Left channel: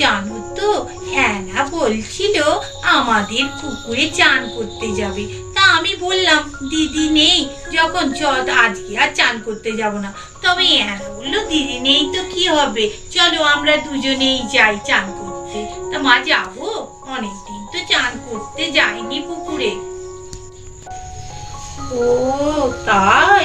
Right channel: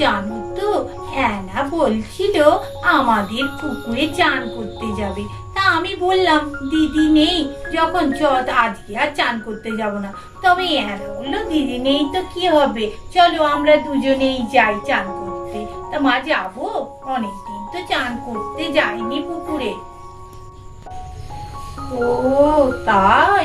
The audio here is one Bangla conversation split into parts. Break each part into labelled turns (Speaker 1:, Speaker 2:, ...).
Speaker 1: জানো তো অ্যানা বলছিল আমাদের পুকুরে চান করতে যাবে। তা আমি বললাম, দিদি নেই, যখন চ আজকে আর চান করতে যাব না। তবে অ্যানা বলল, দিদি নেই তো কি হবে? চলো আমরা দুজনেই যাই চান করতে। তা মা যাব? অনেকদিন তো চান করতে যাইনি পুকুরে। ও, তাই?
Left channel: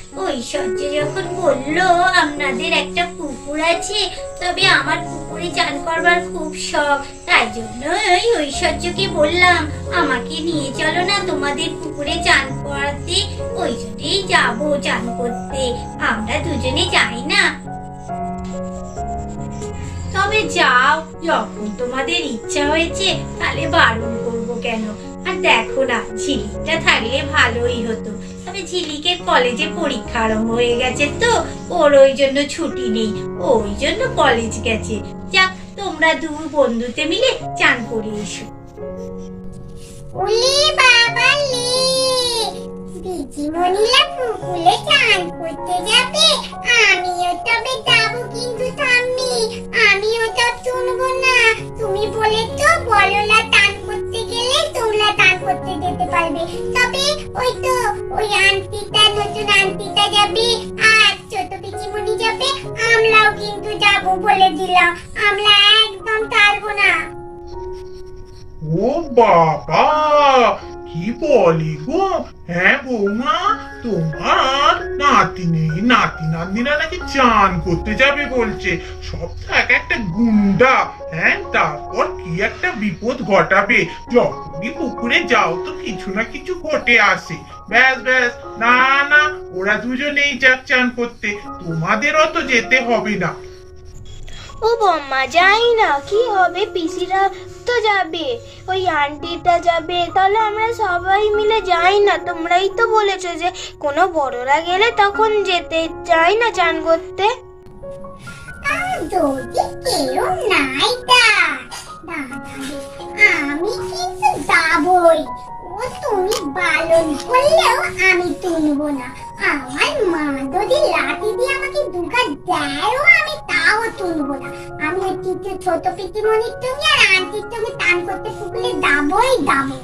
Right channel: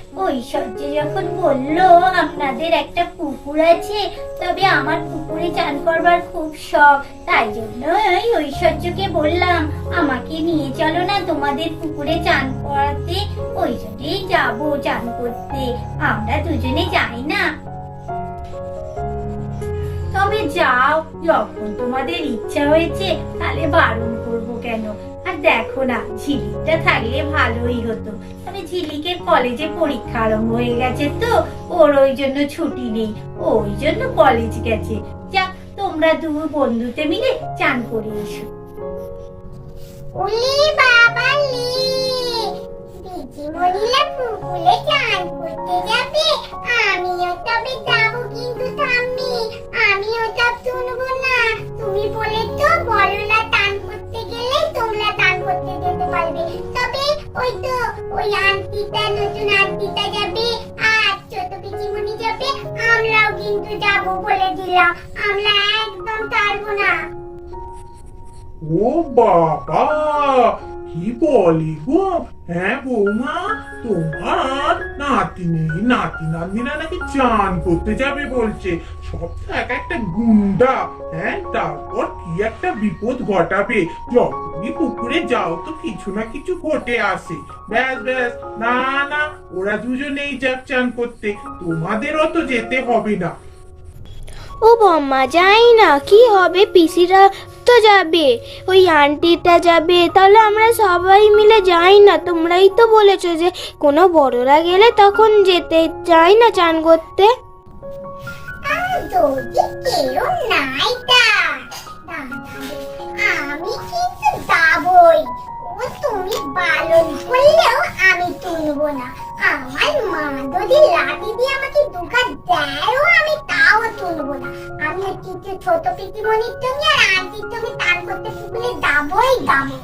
Speaker 2: ঐশ্বর্য যখন বলল, আপনাদের একটা পুকুর আছে, তবে আমার পুকুরে চান করবার খুব শখ। তাই জন্য ওই ঐশ্বর্যকে বললাম, আমাকে নিয়ে চলো না তোমাদের পুকুরে চান করাতে। ওই জন্যেই যাব চান করতে। আমরা দুজনে যাই না।
Speaker 1: তবে যাও? যখন তোমাদের ইচ্ছা হয়েছে, তাহলে বারণ করব কেন? আর দেখো না, ঝিলিকটা থাকলে ভালোই হতো। তবে ঝিলিকের কলেজে পরীক্ষা আরম্ভ হয়ে গেছে তো, ওর ওই জন্য ছুটি নেই। ওই জন্য কলেজ গেছে। যাক, তোমরা দু বন্ধুতে মিলে চান করে এসো।
Speaker 2: বাবা আমিও তবে যাব কিন্তু তুমি বলে তো বড়রা টান করতে গেলে তোমরা টান করতে যেতে পারবে। তবে ওই তো, ওই আন্টিটা নতুন আন্টিটা যাবে, আর ছোট পিচিমণি যাবে, আমরাও কিন্তু যাব বলে দিলাম। আমরা একদম পারব না।
Speaker 3: ও বাবা! কি বলি গো? হ্যাঁ বৌমা, তোমার নাতি নেই নাতি নাতনিরা নাকি চান করতে যাবে বলছে। সব তো এক একটা গুন্ডা। হ্যাঁ তারপর কি একটা বিপদ ঘটাবে? যখনই পুকুরে যাও তো কিছু না কিছু ঘটে আসে। ব্যাস ব্যাস, না না, ওরা দুজনেই যাক চান করতে। তোমাদের অত যেতে হবে না।
Speaker 4: ও বম্মা, যাই না, কি হবে? পিসিরা তো যাবে, ওই আন্টিটা যাবে, তাহলে আমরা সবাই মিলে যাই না? তোমরাই তো বলেছ যে কোনো বড়রা গেলে তখন যেতে চাই না চান করতে।
Speaker 2: আমি তুলবো না। আমার মা যদি লাঠি দিয়ে আমাকে দুঘা দেয়ও, আমি তাও তুলবো না। ছোট তুমি আর আন্টির তুমি টান করতে পুকুরে দাবই দাবো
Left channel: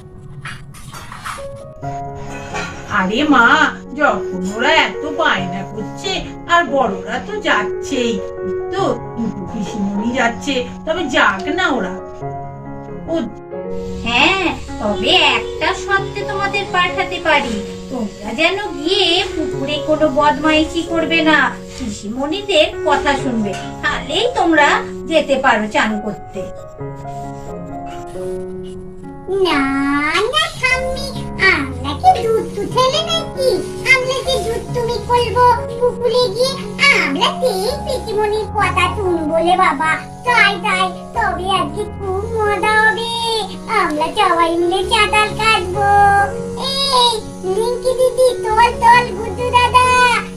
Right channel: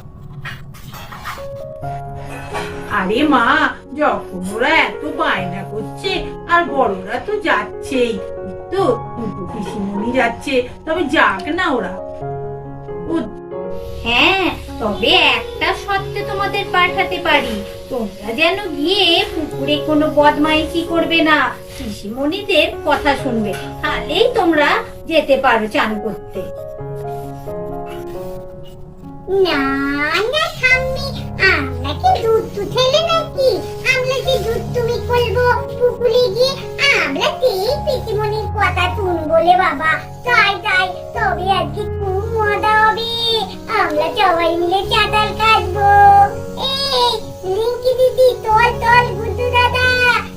Speaker 1: আরে মা যখন ওরা এত বায়না করছে আর বড়রা তো যাচ্ছেই। তো পিসিমণি যাচ্ছে তবে যাক না ওরা। ও হ্যাঁ তবে একটা শর্তে তোমাদের পাঠাতে পারি। তোমরা যেন গিয়ে পুকুরে কোনো বদমাইশি করবে না। পিসিমণিদের কথা শুনবে। তাহলেই তোমরা যেতে পারো চান করতে।
Speaker 2: বাবা। তাই তাই, তবে আজকে খুব মজা হবে। আমরা সবাই মিলে চাতাল কাটবো। এই দিদি দাদা এই গুড্ডি দিদি।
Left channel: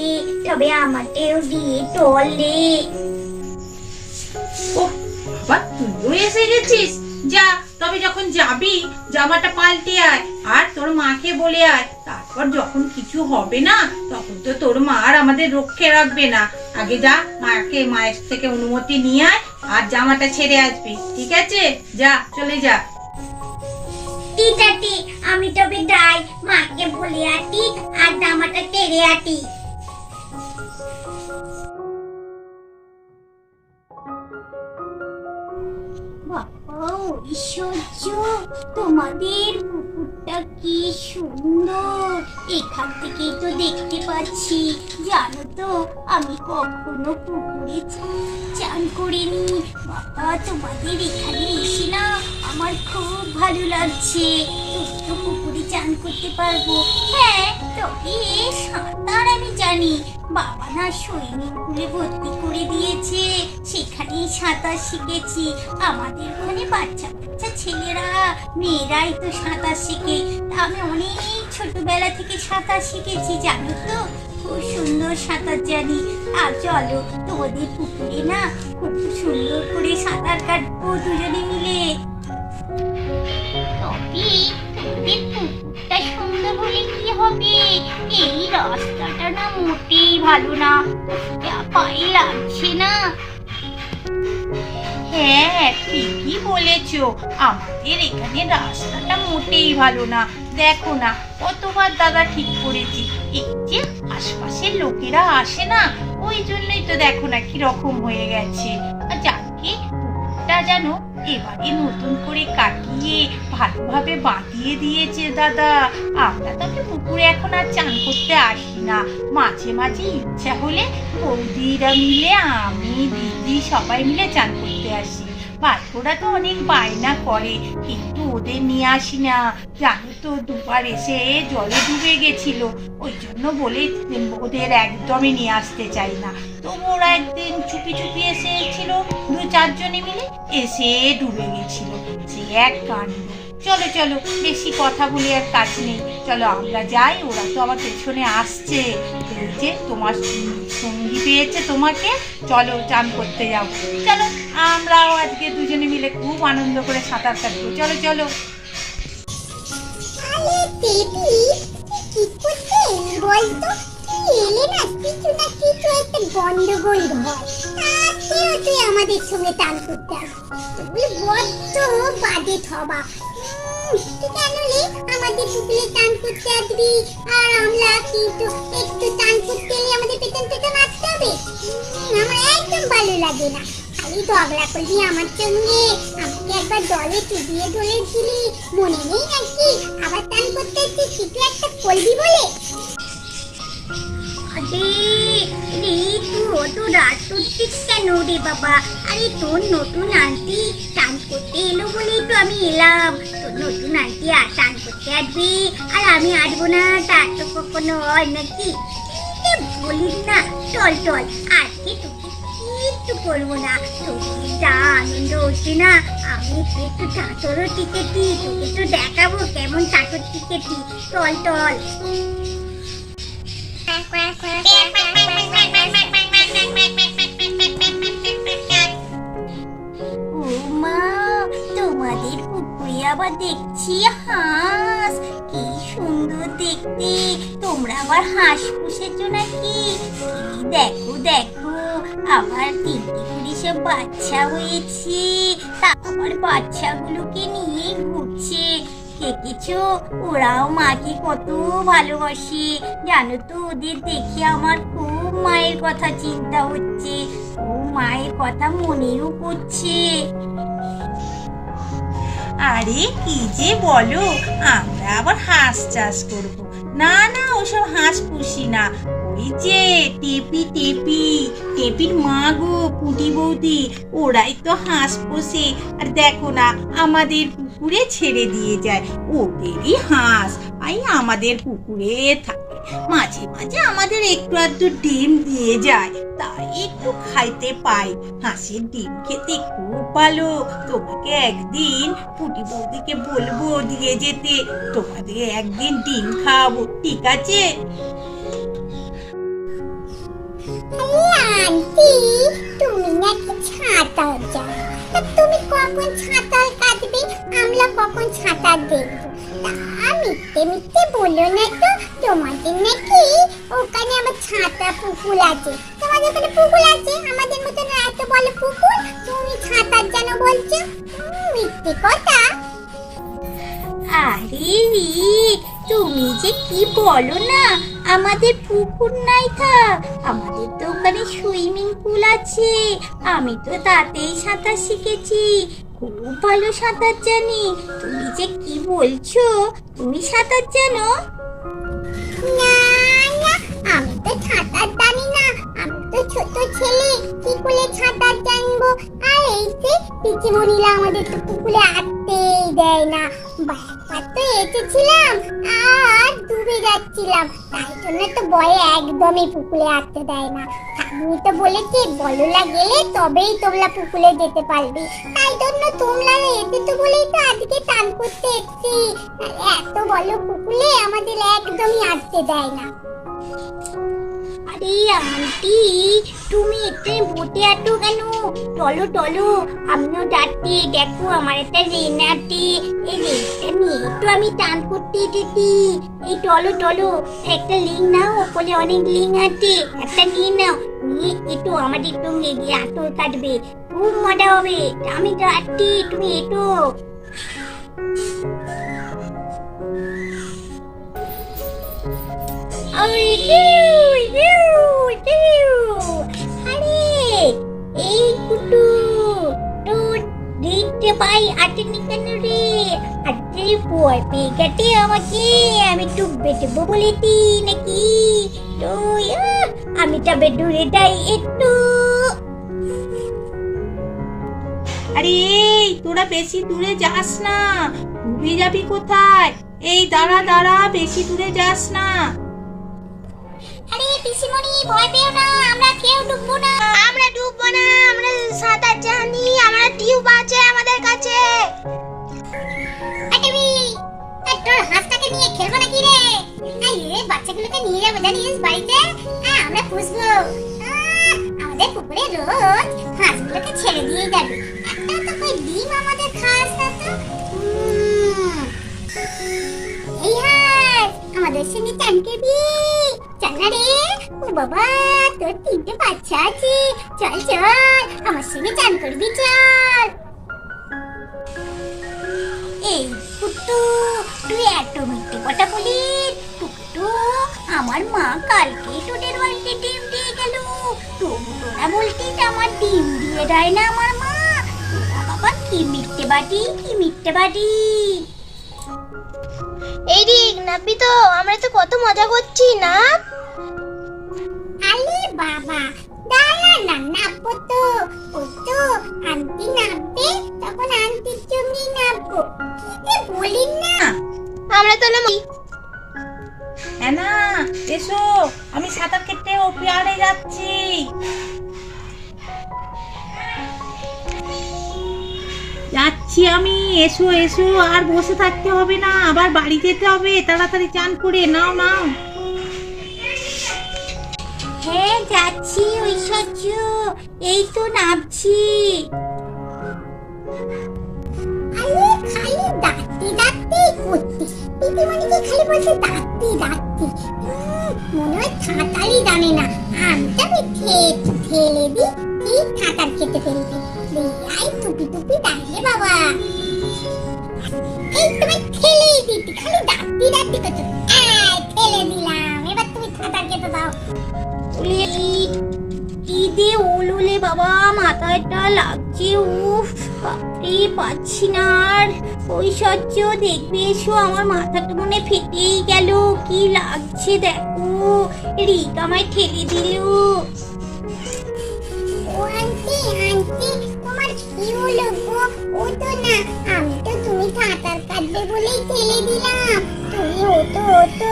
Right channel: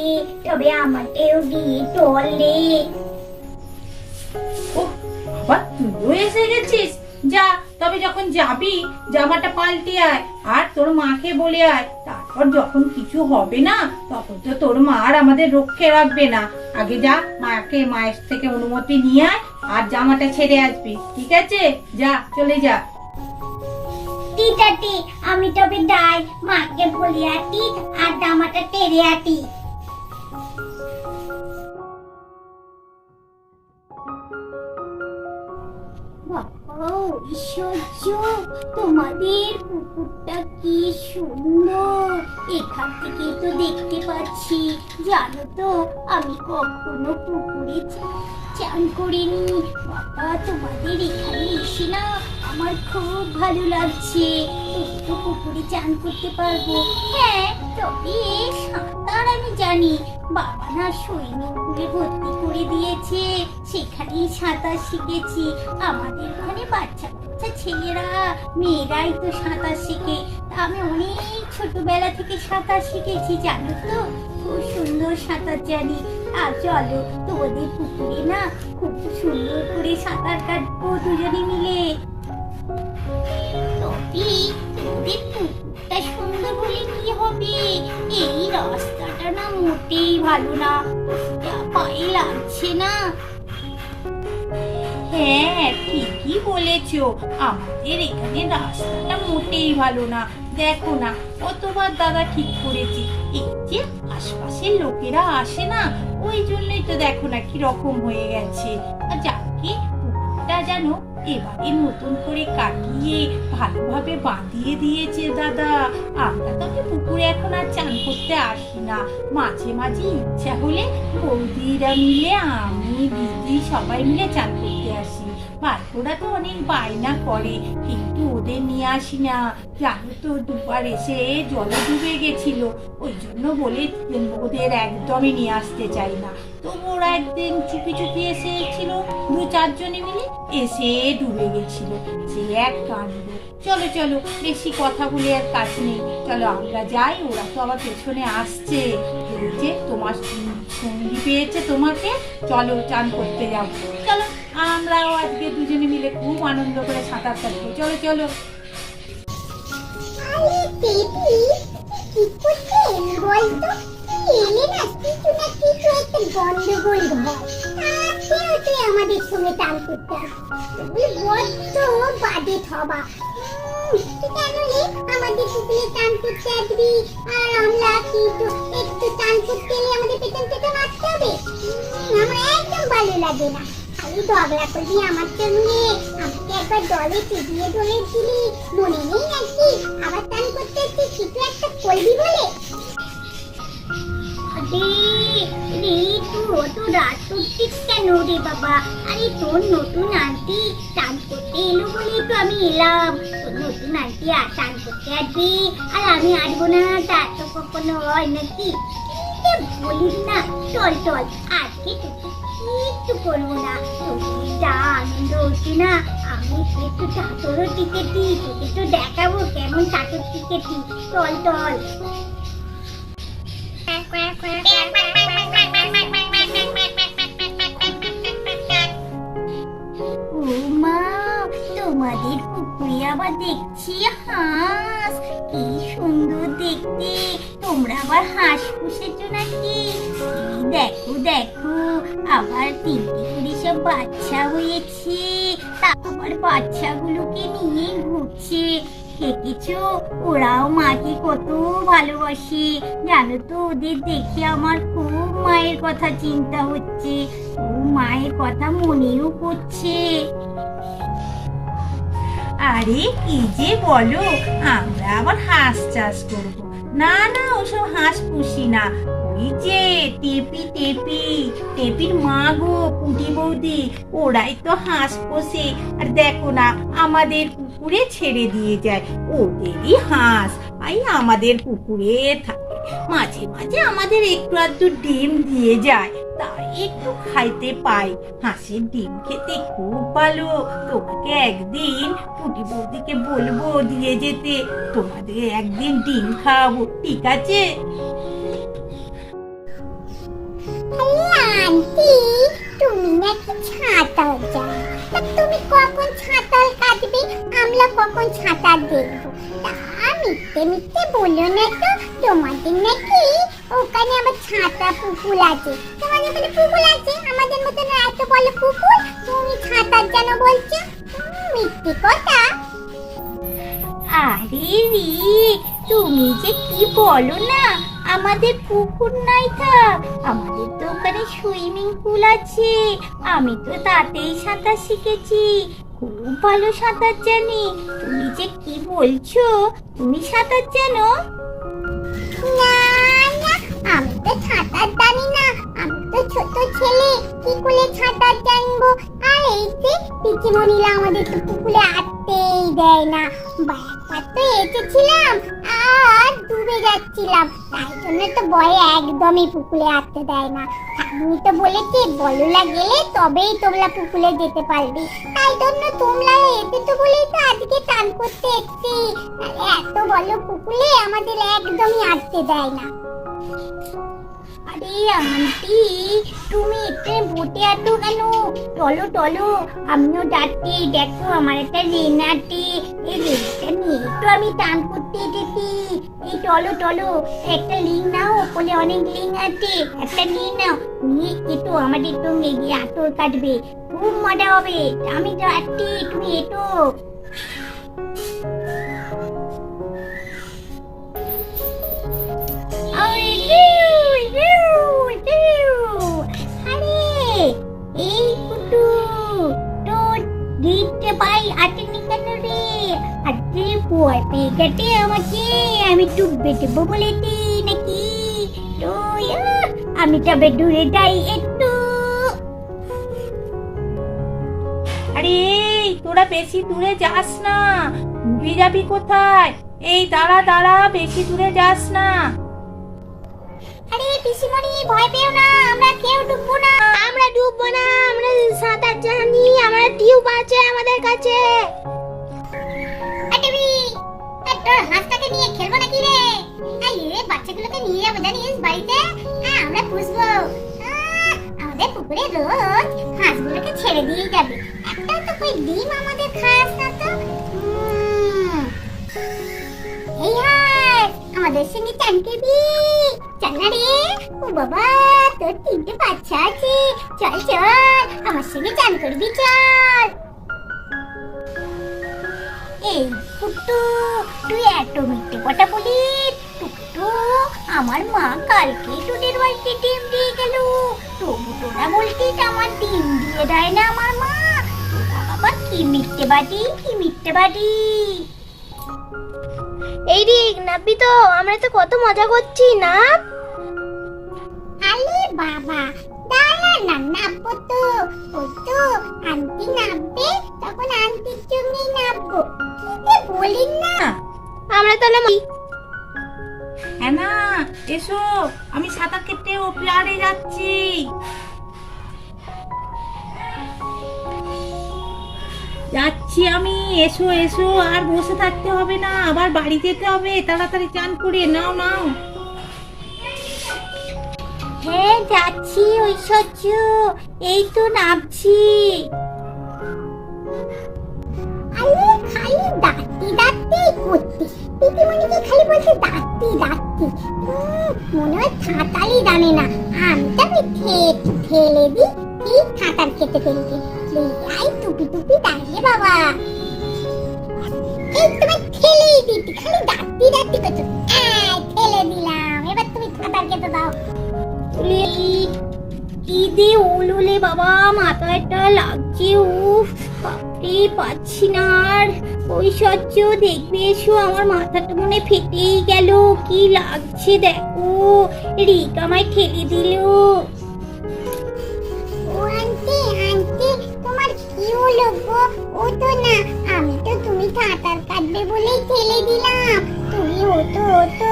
Speaker 2: তবে আমাকেও দিয়ে
Speaker 1: ও তুইও এসে গেছিস। যা তবে যখন যাবি জামাটা পাল্টে আয় আর তোর মাকে বলে আয়। তারপর যখন কিছু হবে না তখন তো তোর মা আর আমাদের রক্ষে রাখবে না। আগে যা মাকে মায়ের থেকে অনুমতি নিয়ে আয় আর জামাটা ছেড়ে আসবি। ঠিক আছে? যা চলে যা।
Speaker 2: টিটাটি আমি তবে যাই। মাকে বলে আটি আর জামাটা টেরে আটি তোমাদের পুকুরটা কি সুন্দর। এখান থেকেই তো দেখতে পাচ্ছি। জানো তো, আমি কখনো পুকুরে চান করিনি। বাবা, তোমাদের এখানে এসে না আমার খুব ভালো লাগছে। তো পুকুরে চান করতে পারব। হ্যাঁ তবে সাঁতার আমি জানি। বাবা না পুলে ভর্তি করে দিয়েছে। সেখানেই সাঁতার শিখেছি। আমাদের ওখানে বাচ্চা ছেলেরা, মেয়েরাই তো সাঁতার শিখে। আমি অনেক ছোটবেলা থেকে সাঁতার শিখেছি, জানো তো? খুব সুন্দর সাঁতার জানি। আর চলো, তোমাদের পুকুরে না খুব সুন্দর করে সাঁতার কাটবো দুজনে মিলে। তবে তোদের সুন্দর কি হবে? এই রাস্তাটা না মোটেই ভালো না। পায়ে লাগছে না।
Speaker 1: হ্যাঁ ঠিকই বলেছ। আমাদের এখানে রাস্তাটা মোটেই ভালো না। দেখো না, কতবার দাদা ঠিক করেছি। এই যে আশপাশের লোকেরা আসে না, ওই জন্যই তো দেখো না কি রকম হয়ে গেছে। যাকে পুকুরটা যেন এবারে নতুন করে কাটিয়ে ভালোভাবে বাঁধিয়ে দিয়েছে দাদা, আমরা আর চান করতে আসি না। মাঝে মাঝে ইচ্ছা হলে বৌদিরা মিলে, আমি, দিদি সবাই মিলে চান করতে আসি। বাচ্চারা তো অনেক বায়না করে, কিন্তু ওদের নিয়ে আসি না। জানো তো, দুবার এসে জলে ডুবে গেছিল। ওই জন্য বলে ওদের একদমই নিয়ে আসতে চাই না। তবু ওরা একদিন চুপি চুপি এসেছিল, দু চারজনে মিলে এসে ডুবে গেছিল। সে এক কাণ্ড। চলো চলো, বেশি কথা বলে আর কাজ নেই। চলো, আমরা যাই, ওরা তো আবার পেছনে আসছে। এই যে তোমার সঙ্গী পেয়েছে তোমাকে, চলো, চান করতে যাও। চলো, আমরাও আজকে দুজনে মিলে খুব আনন্দ করে সাঁতার কাটবো। চলো চলো।
Speaker 2: গন্ডগোল আমাদের সঙ্গে টান করতে তুমি বড্ড বাজে রে আমাদের পুকুরে আর আমরা কিন্তু একটু টান করতে আমাদের একদম ভালো লাগে না। খালি ঝগড়া করবি আমার সঙ্গে আমাকে একবার দলে চুবিয়ে ধরেছিলি মনে নেই নাকি? আবার করতে একটা করবি বলে? রে, তুই অত রাত বাবা? আরে, তোর নতুন আন্টি টান করতে এলো বলেই তো আমি এলাম। নতুন আন্টি আর করতে আসবে আর আমি আসব না তার তো কখনো হয় নাকি বলিস না চল চল আজকে তোকে কিচ্ছু করব না তোকে যা আনন্দ হচ্ছে না আমি একটু চাঁচরও টিকেটি তোকে তো দেখাবো কেমন চাঁচর টিকেটি চল চল দেখছি হাঁস কি সুন্দর দেখতে। তোমরা আবার হাঁস পুষেছো নাকি? দেখো দেখো, আবার তিনটি করে সব বাচ্চা হয়েছে। তা বাচ্চাগুলোকে নিয়ে ঘুরছে। দেখেছ? ওরাও মাকে কত ভালোবাসে। জানো তো, ওদের দেখে আমার খুব মায়ের কথা চিন্তা হচ্ছে। ও মায়ের কথা মনেও পড়ছে।
Speaker 1: আরে, কি যে বলো? আমরা আবার হাঁস চাষ করব। না না, ওসব হাঁস পুষি না। ওই যে টেপি টেপি, টেপির মা গো, পুটি বৌদি, ওরাই তো হাঁস পোষে। আর দেখো না, আমাদের পুকুরে ছেড়ে দিয়ে যায়। ওদেরই হাঁস আই আমাদের পুকুরে থাকে। মাঝে মাঝে আমাদের একটু আধটু ডিম দিয়ে যায়। একটু খাইতে পাই। হাঁসের ডিম খেতে খুব ভালো। তোমাকে একদিন পুটি বৌদিকে বলব দিয়ে যেতে। তোমাদের একদিন ডিম খাওয়াবো, ঠিক আছে?
Speaker 2: কখন ছাতাল দেখব? তা মিথ্যে মিথ্যে বলো না তো। তোমাদের নাকি ওখানে আবার ছাতা পুকুর আছে। তোমাদের ওখানে পুকুর আছে? আমাদের মতন এত বড় পুকুর, তুমি ছাতার যেন বলছো মিথ্যে কথা। আরে রি, তুমি যে কি বলো না? আমাদের পুকুর নাই থাক আমাদের তো ওখানে সুইমিং পুল আছে। আমি তো তাতেই সাঁতার শিখেছি। খুব ভালো সাঁতার জানি। তুমি যে কি বলছো, তুমি সাঁতার জানো? না না, আমি তো সাঁতার জানি আমি তো ছোট ছেলে, কি করে সাঁতার জানব আর এই যে পিচিমণিরা আমাদের তো পুকুরে আটতেই দেয় না। বাবা তো এসেছিলাম আর ডুবে যাচ্ছিলাম। তাই জন্য তো ভয়ে একদমই পুকুরে আটতে দেয় না। আমি তো বলেছি, বললা গেলে তবেই তোমরা পুকুরে যেতে পারবে। তাই জন্য তোমরা এতে তো বলেই তো আজকে টান করতে এসছি। এত বলো পুকুরে আমাদের একদমই আটতে দেয় না। আরে আন্টি, তুমি এতে বুটে আটো কেন? টলো টলো আমিও যাচ্ছি। দেখো, আমার একটা রেন আটে এই রেনটা নিয়ে তো আমি টান করতে যেতি এই টলো টলো একটা লিং নাও, ওপরে অনেক লিং আছে। একটা নিয়ে নাও। নিয়ে এটো আমাদের সঙ্গে গিয়ে আতর কাটবে। খুব মজা হবে। আমি যাচ্ছি, তুমি এটো ওই আটেনি কেন রে? আজকে ভয় পেয়ে গেছে আমাকে। আমি বলেছি নাকি? তুই আমি তবে দূরে যাই একটু।
Speaker 1: আরে তোরা বেশি দূরে যাস না। ডুবে যাবি কোথায়? এই দাঁড়া দাঁড়া বেশি দূরে যাস না।
Speaker 2: আরে পিসিমণি ভয় পেও না আমরা কেউ ডুববো না।
Speaker 4: আমরা ডুববো
Speaker 2: হাঁসটাকে নিয়ে খেলব নাকি রে? এই রে বাচ্চাগুলোকে নিয়ে যাব জানিস বাড়িতে? হ্যাঁ আমরা পুষবো। আমাদের পুকুরে রোজ হাঁসগুলোকে ছেড়ে দিয়ে যাবে। একটা তো ডিম আমাদের খাস না তো? এই হাঁস, আমাদের সঙ্গে চান করবি চল না রে। ও বাবা, তোর তিনটে বাচ্চা আছে। চল চল, আমার সঙ্গে চান করবি, চল। এই কুট্টু তুই এত মিথ্যে কথা বলিস। কুট্টু আমার মা কালকে তোদের বাড়িতে ডিম দিয়ে গেল। তবু তোরা বলতিস আমার ডিম দিয়ে দেয় না আমার মা। তোরা বাবা কি মিথ্যে বাদি কি মিথ্যে বাদি
Speaker 4: এই রিক নাবি তো আমরা তো কত মজা করছি না?
Speaker 2: আরে বাবা দাঁড়া না নাববো তো। ও তো আন্টি নাববে তখন আন্টির জন্যই নাববো। বলি না
Speaker 4: আমরা তাহলে ম-
Speaker 1: হ্যাঁ না এসো। আমি সাঁতার কেটে ও পেয়ারে যাচ্ছি। যাচ্ছি আমি। এসো এসো। আর বসে থাকতে হবে না। আবার বাড়ি যেতে হবে। তাড়াতাড়ি চান করে নাও নাও।
Speaker 2: হ্যাঁ যাচ্ছি ঐশ্বর্য। এই তো নামছি। আরে খালি সাঁতারই জানে না। আমি তো আমি ঠেলে দিই, ঠিক কেটে ফেলবে বাবা। তোমার ঠেলেই দিতে, খালি ডাকতে ডাকতে করছ ঠেলে দিলাম। এবার তুমি সাঁতার কেটে দাও। কি দিয়ে ওলুলে বাবা মাথাটা লাগছে, উফ। বাপরে পাচ্ছি না আর সহ্য দেখবে এসো, আমার মাথাটা মনে ফেটেই গেল। কি লাগছে দেখো, রিক আমায় ঠেলে দিল। ও আন্টি আন্টি, তোমার কি হলো গো? ও তো না, আমি তো তুমি সাঁতার কাটবে বলেই ঠেলে দিলাম। তুমি হতো হতো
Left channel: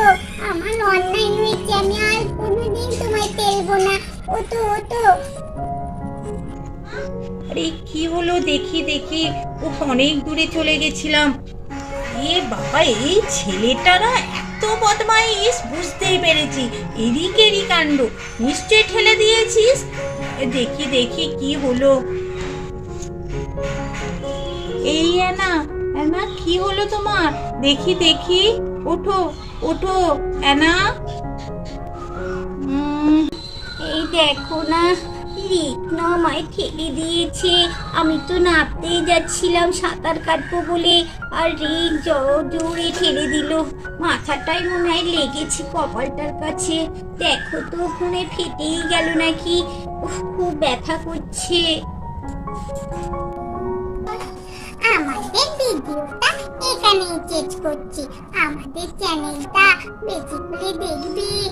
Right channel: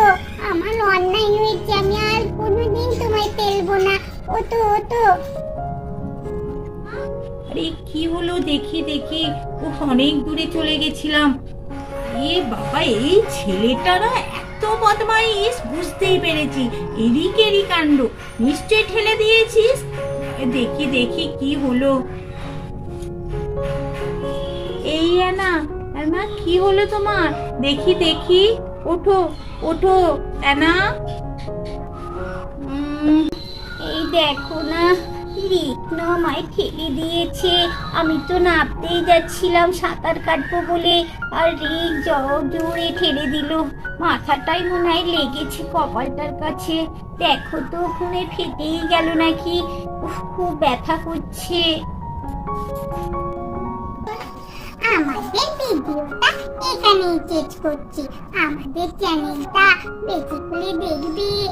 Speaker 2: আমার অন্যায় হয়েছে, আমি আর কোনোদিন তোমায় ফেলব না। হতো হতো
Speaker 1: আরে কি হলো? দেখি দেখি। ও অনেক দূরে চলে গেছিলাম। এ বাবা, এই ছেলেটা না এত বদমাইশ, বুঝতেই পেরেছি। এরিক এরি কাণ্ড। নিশ্চয় ঠেলে দিয়েছিস? দেখি দেখি কি হলো। এই না না কি হলো তোমার? দেখি দেখি। ওঠো ওঠো, অ্যানা।
Speaker 2: রিক না আমায় ঠেলে দিয়েছে। আমি তো নামতেই যাচ্ছিলাম সাঁতার কাটবো বলে। আর জ- জোরে ঠেলে দিল। মাথাটাই মনে হয় লেগেছে কপালটার কাছে। দেখো তো ওখানে ফেটেই গেল নাকি। খুব ব্যথা করছে। আমাদের ভিডিওটা এখানেই করছি। আমাদের চ্যানেলটা বেশি করে দেখবি।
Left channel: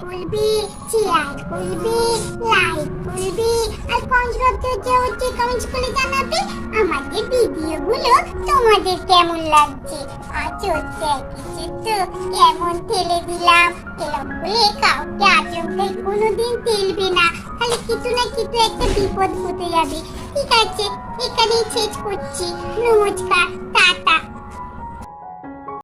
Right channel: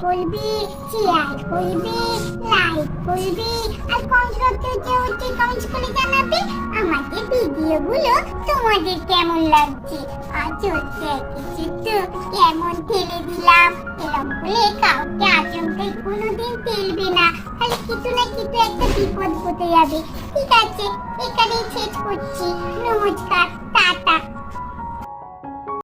Speaker 2: করবি করবি আর করে আমাদের ভিডিওগুলো তোমাদের কেমন লাগছে। কেমন ঠেলে দিলাম? এরকম বলে কাউকে না। কিছু না কিছু একটা বিপদ যাবে। ঠিক আছে, এখানেই শেষ করছি। নমস্কার, টাটা।